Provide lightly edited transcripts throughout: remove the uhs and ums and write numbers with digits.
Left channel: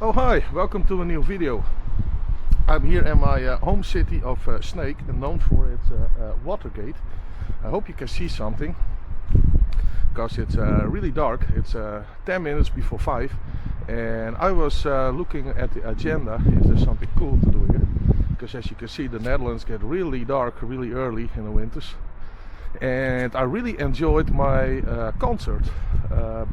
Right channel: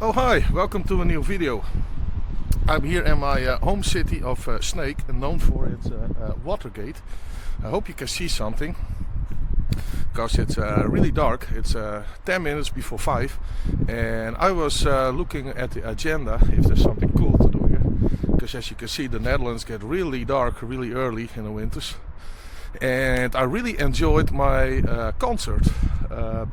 Oh hi, welcome to a new video. I'm here in my home city of Sneek, known for its Watergate. I hope you can see something, because it's really dark. It's 10 minutes before 5 and I was looking at the agenda if there's something cool to do here. Because as you can see, the Netherlands get really dark really early in the winters. And I really enjoyed my concert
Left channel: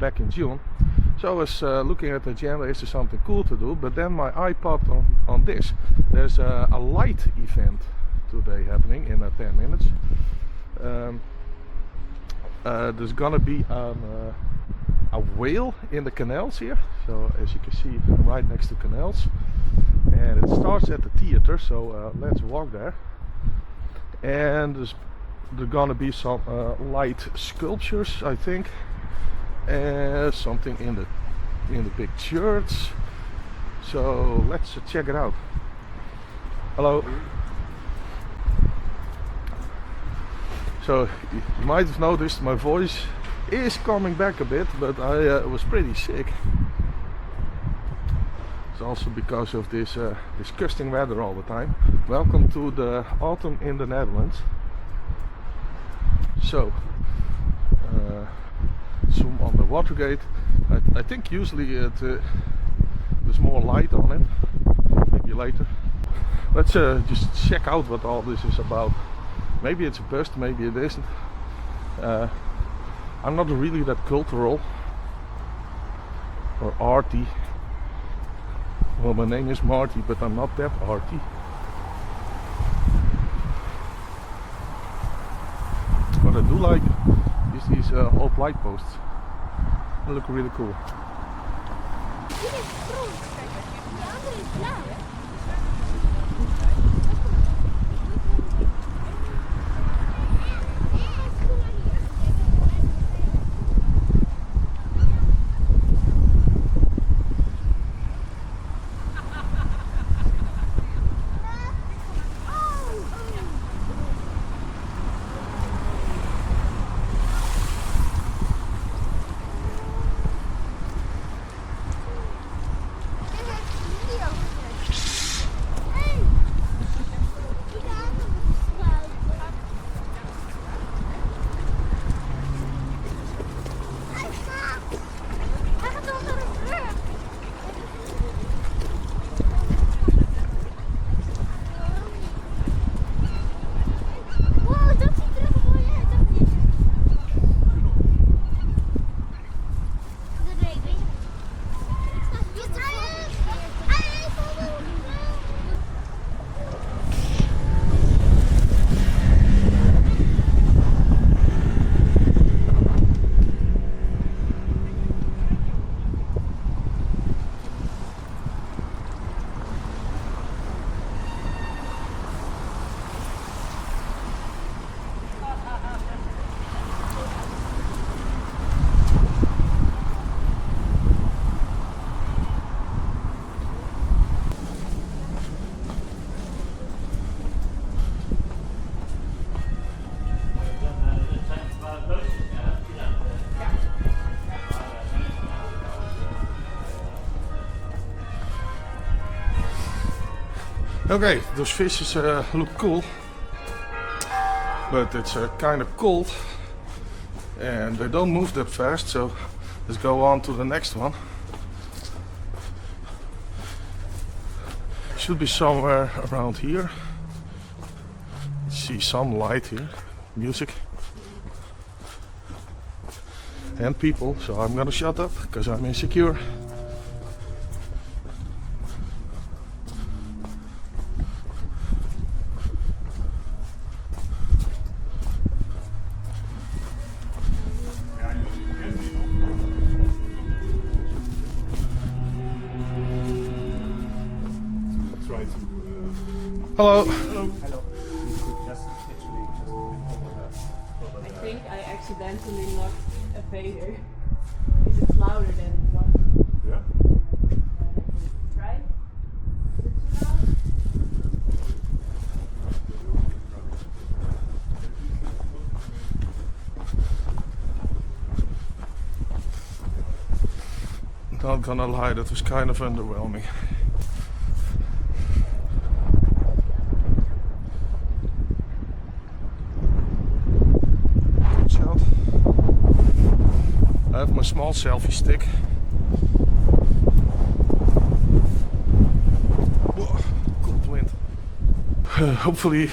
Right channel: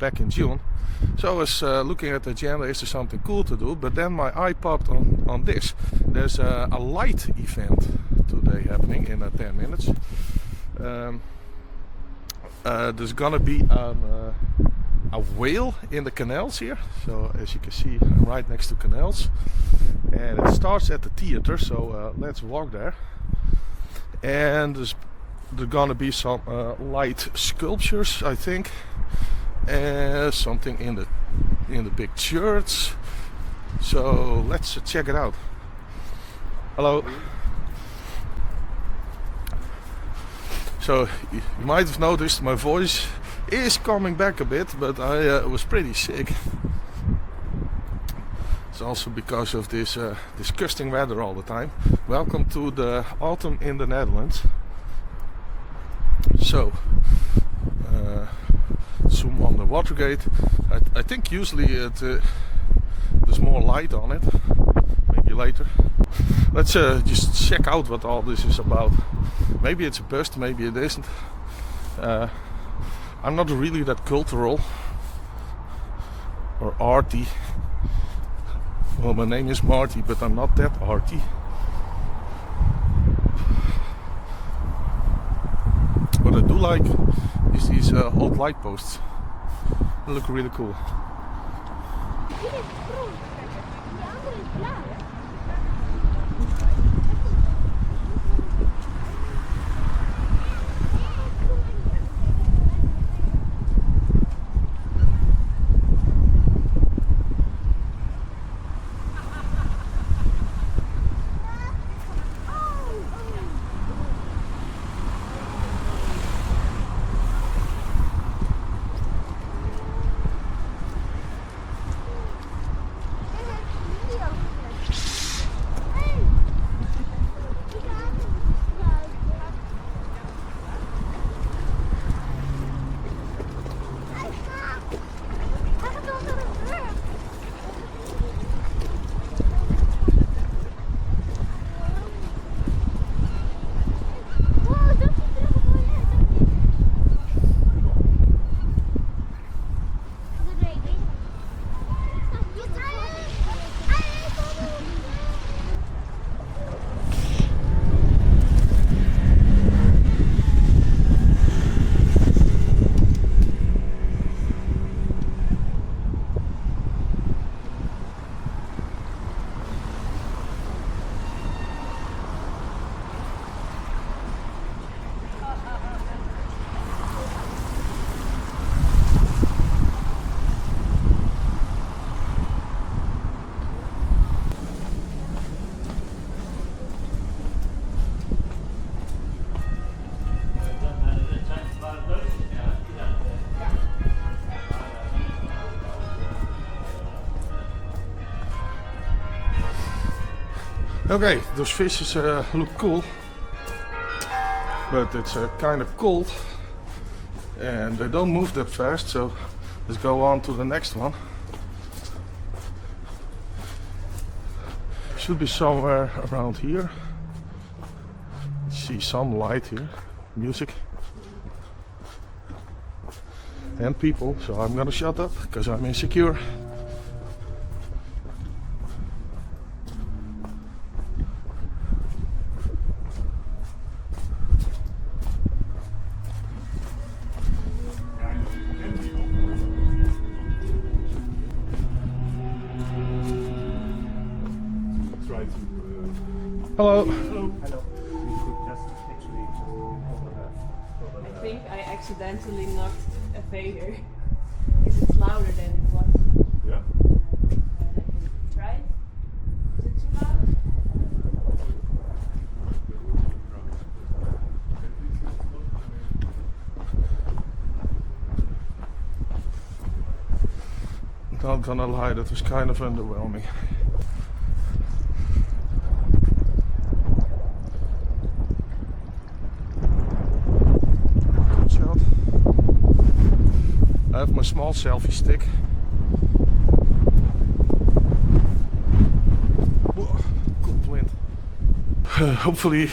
back in June. So I was looking at the agenda, is there something cool to do? But then my eye popped on this. There's a light event today happening in 10 minutes. There's gonna be a whale in the canals here. So as you can see, I'm right next to canals. And it starts at the theater, so let's walk there. And there's gonna be some light sculptures, I think. Something in the big church. So let's check it out. Hello. So you might have noticed my voice is coming back a bit, but I was pretty sick. It's also because of this disgusting weather all the time. Welcome to the autumn in the Netherlands. So zoom on the Watergate. I think usually there's more light on it. Maybe later. Let's just check out what all this is about. Maybe it's a bust, maybe it isn't. I'm not really that cultural or arty. Well, my name is Marty, but I'm not that arty. What I do like is these old light posts. They look really cool. Okay, those fishes look cool, but it's kind of cold and they don't move that fast, so let's go on to the next one. Should be somewhere around here. See some light here, music and people, so I'm gonna shut up because I'm insecure. Hello. Hello. I think I accidentally knocked a fader. It's louder than it was. Yeah. Right? Is it too loud? Not gonna lie, that was kind of underwhelming. Good shot. I have my small selfie stick. Whoa, cold wind. Hopefully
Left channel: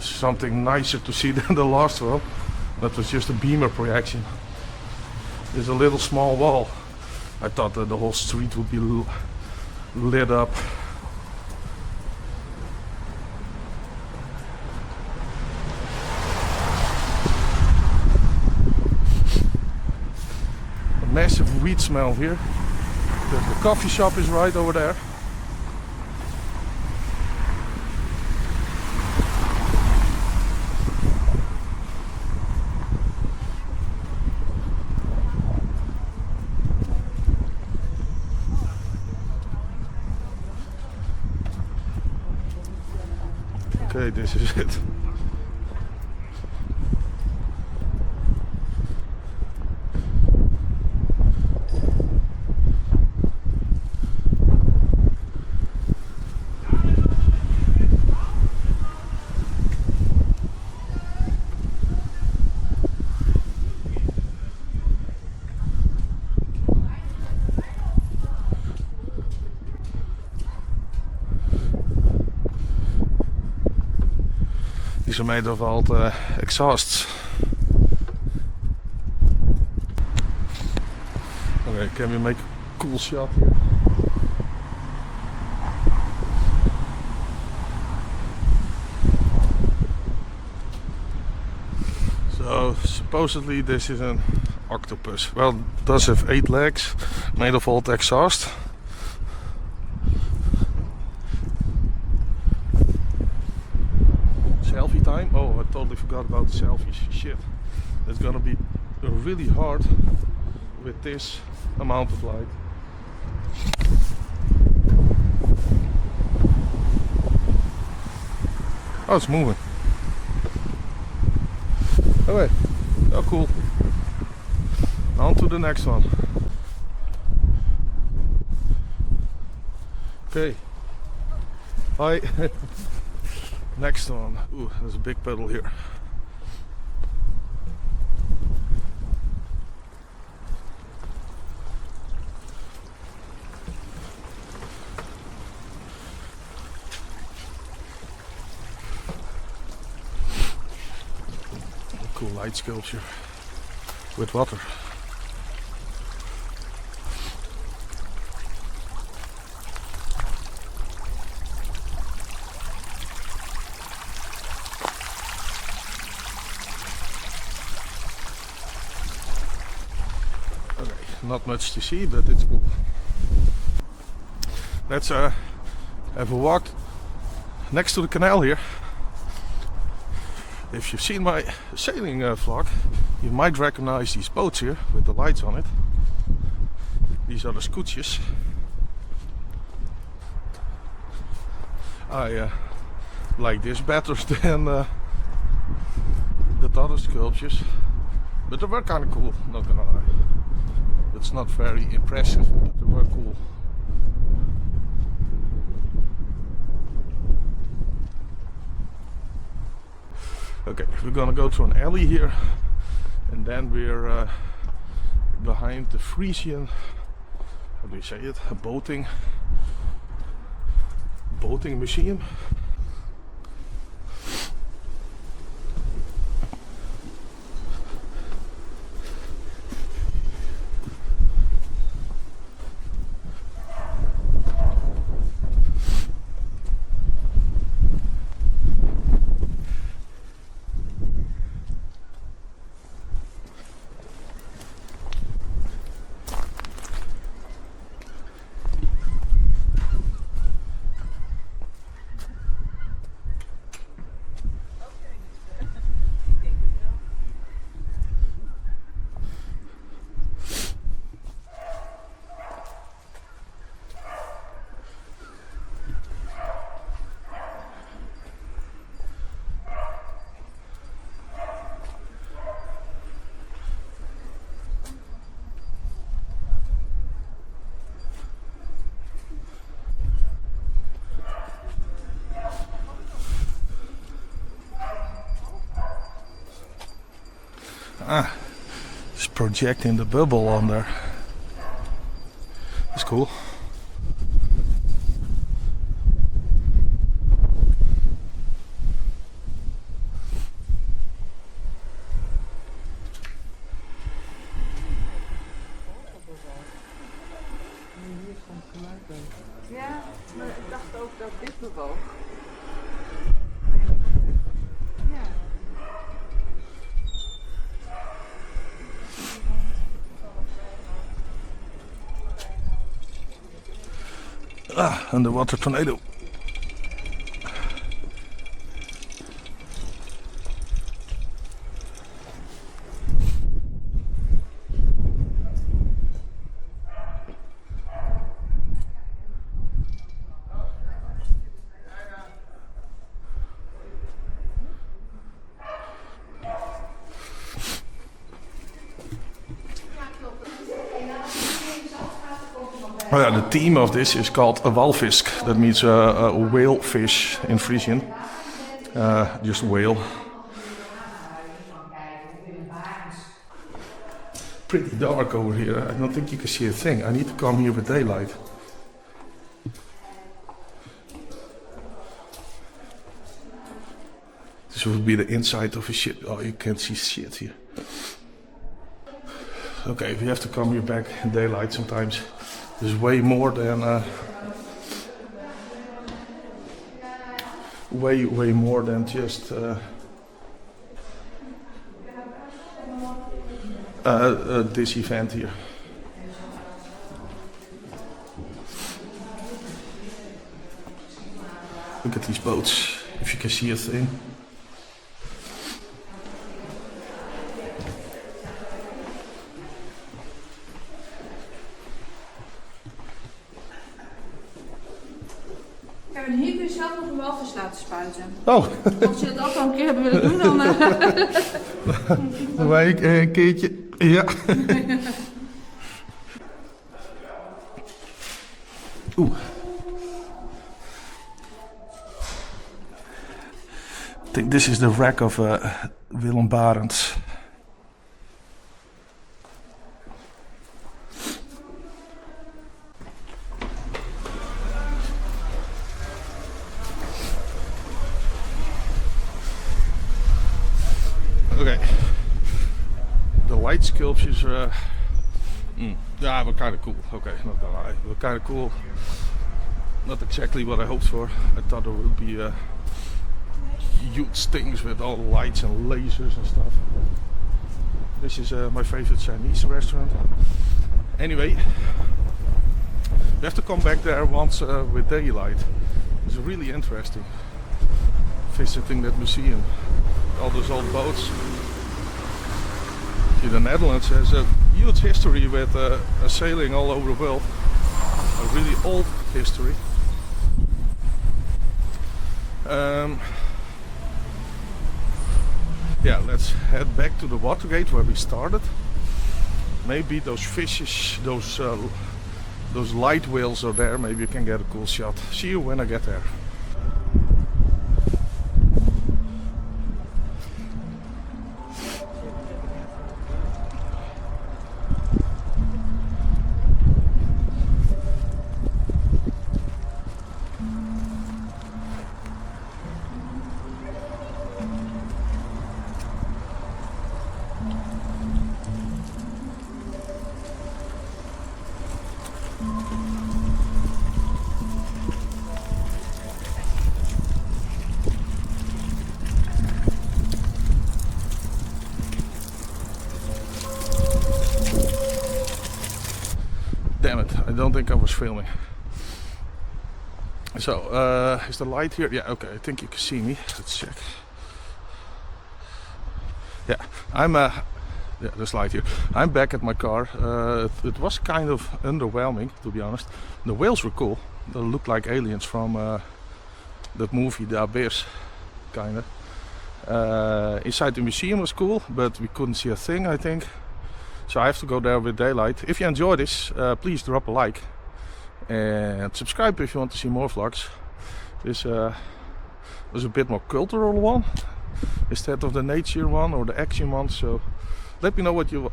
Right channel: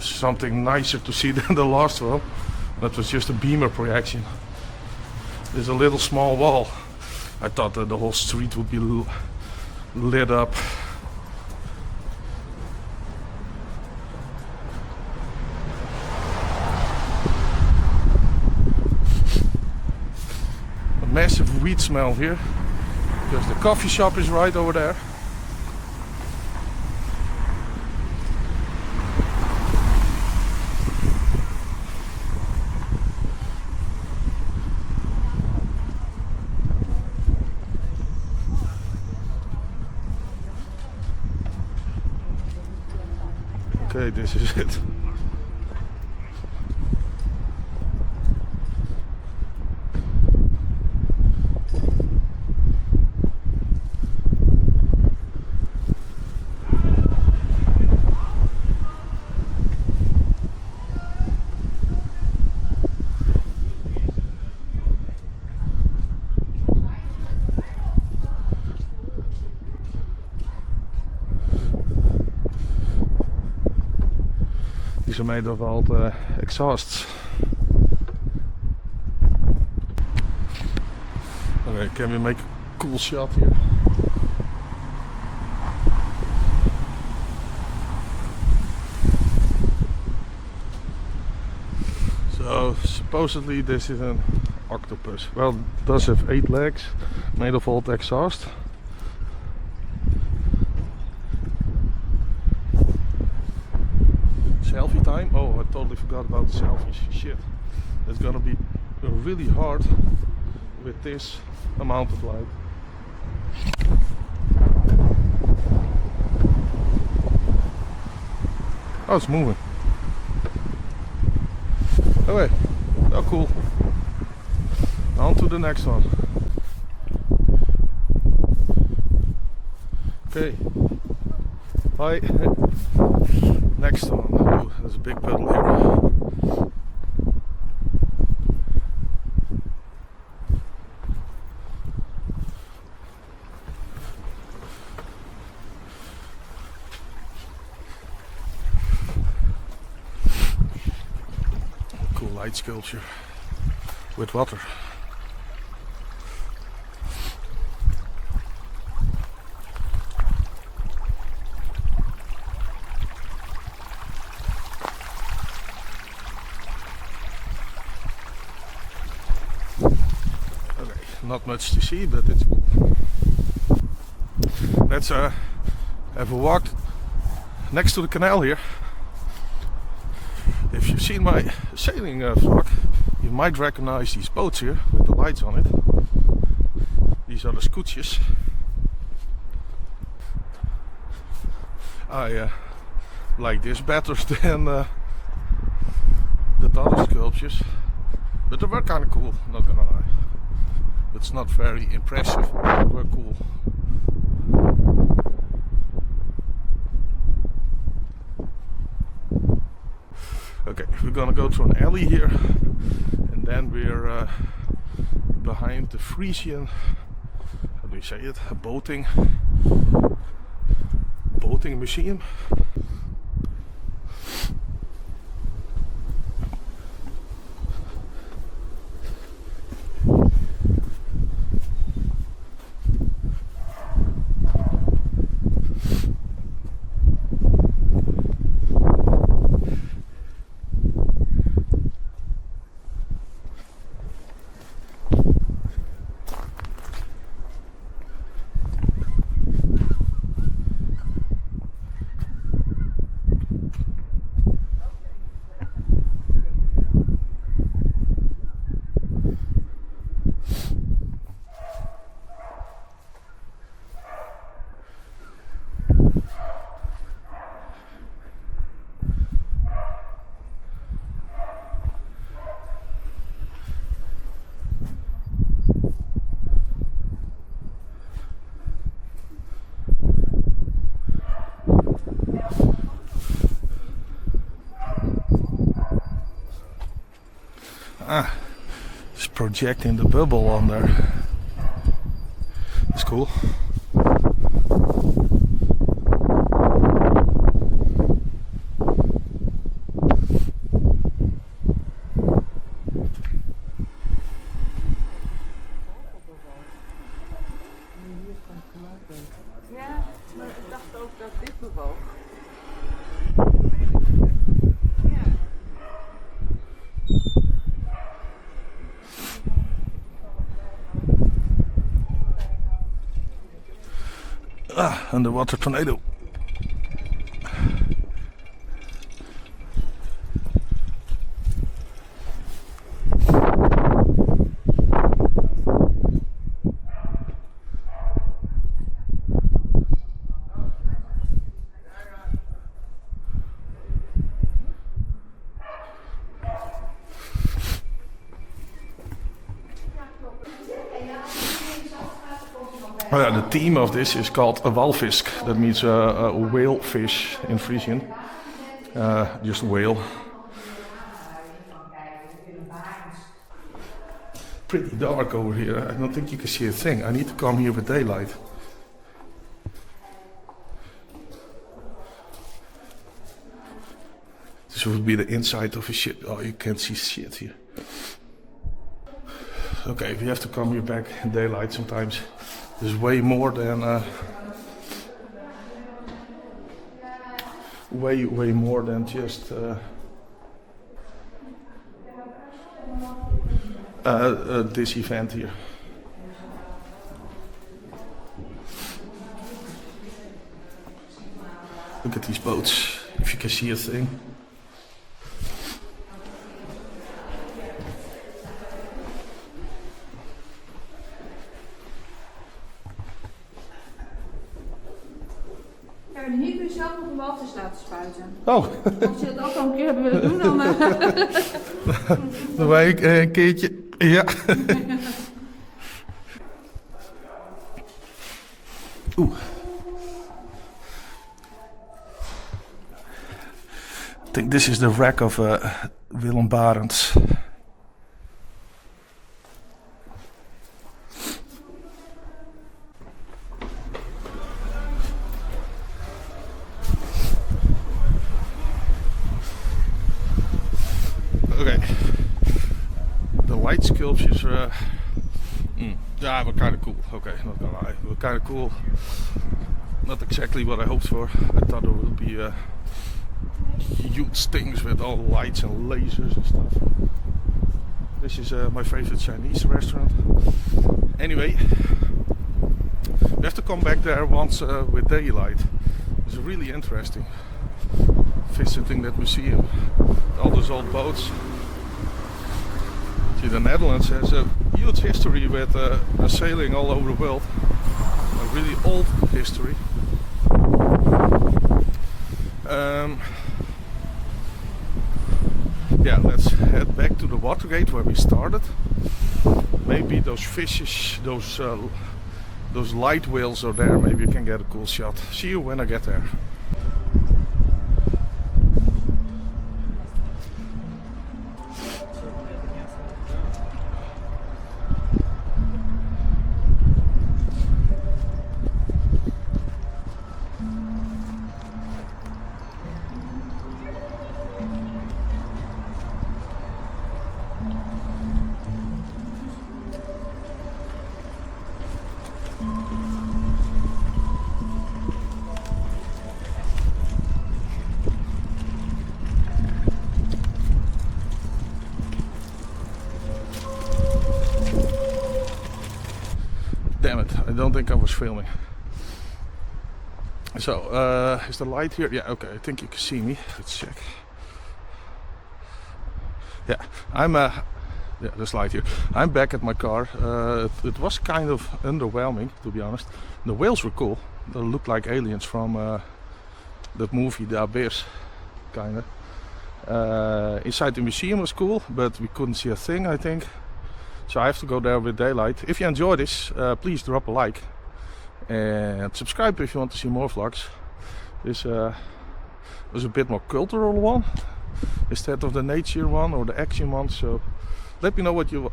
something nicer to see than the last one. That was just a beamer projection. There's a little small wall. I thought that the whole street would be lit up. A massive weed smell here, because the coffee shop is right over there. Okay, this is it. These are made of old exhausts. Okay, can we make a cool shot here? So supposedly this is an octopus. Well, it does have 8 legs, made of old exhaust. Selfie time. Oh, I totally forgot about the selfies. Shit, it's gonna be really hard with this amount of light. Oh, it's moving. Okay, oh cool. On to the next one. Okay. Hi. Next one. Oh, there's a big puddle here. Cool light sculpture with water. Not much to see, but it's cool. Let's have a walk next to the canal here. If you've seen my sailing vlog, you might recognize these boats here with the lights on it. These are the scootjes. I like this better than the other sculptures, but they were kind of cool, not gonna lie. It's not very impressive, but they were cool. Okay, we're gonna go through an alley here, and then we're behind the Frisian, how do you say it, a boating museum. It's projecting the bubble on there. That's cool. Ja, maar ik dacht ook dat dit bewoog. Underwater tornado. Oh yeah, the theme of this is called a WALFISK. That means a whale fish in Frisian. Just whale. Pretty dark over here. I don't think you can see a thing. I need to come here with daylight. This would be the inside of a ship. Oh, you can't see shit here. Okay, we have to come here back in daylight sometimes. There's way more than way more than just this event here. Look at these boats, if you can see a thing. En hier kun je zelf nog een walvis laten spuiten. Oh. Als je het ook al een keer hebt willen doen, dan... Dan wij een keertje. Ja. Oeh. I think this is the wreck of Willem Barents. Okay, the white sculptures were kind of cool. Okay, not gonna lie, were kind of cool. Not exactly what I hoped for. I thought there would be huge things with all lights and lasers and stuff. This is my favorite Chinese restaurant. Anyway, we have to come back there once with daylight. It's really interesting visiting that museum. All those old boats. See, the Netherlands has a huge history with sailing all over the world. A really old history. Yeah, let's head back to the Watergate where we started. Maybe those fishes, those light whales are there. Maybe you can get a cool shot. See you when I get there. Damn it, I don't think I was filming. So, is the light here? Yeah, okay, I think you can see me. Let's check. Yeah, yeah, there's light here. I'm back at my car. It was kind of underwhelming, to be honest. The whales were cool. They looked like aliens from that movie, The Abyss, kinda. Inside the museum was cool, but we couldn't see a thing, I think. So I have to go there with daylight. If you enjoy this, please drop a like. And subscribe if you want to see more vlogs. This was a bit more cultural one. instead of the nature one or the action one. So let me know what you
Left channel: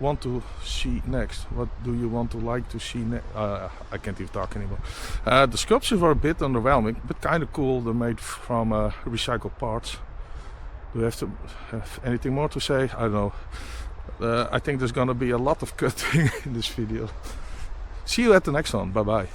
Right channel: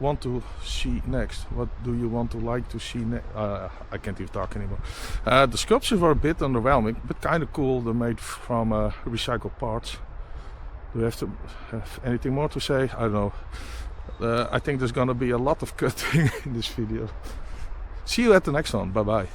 want to see next. What do you want to like to see next? I can't even talk anymore. The sculptures were a bit underwhelming, but kind of cool. They're made from recycled parts. Do you have anything more to say? I don't know. I think there's gonna be a lot of cutting in this video. See you at the next one. Bye bye.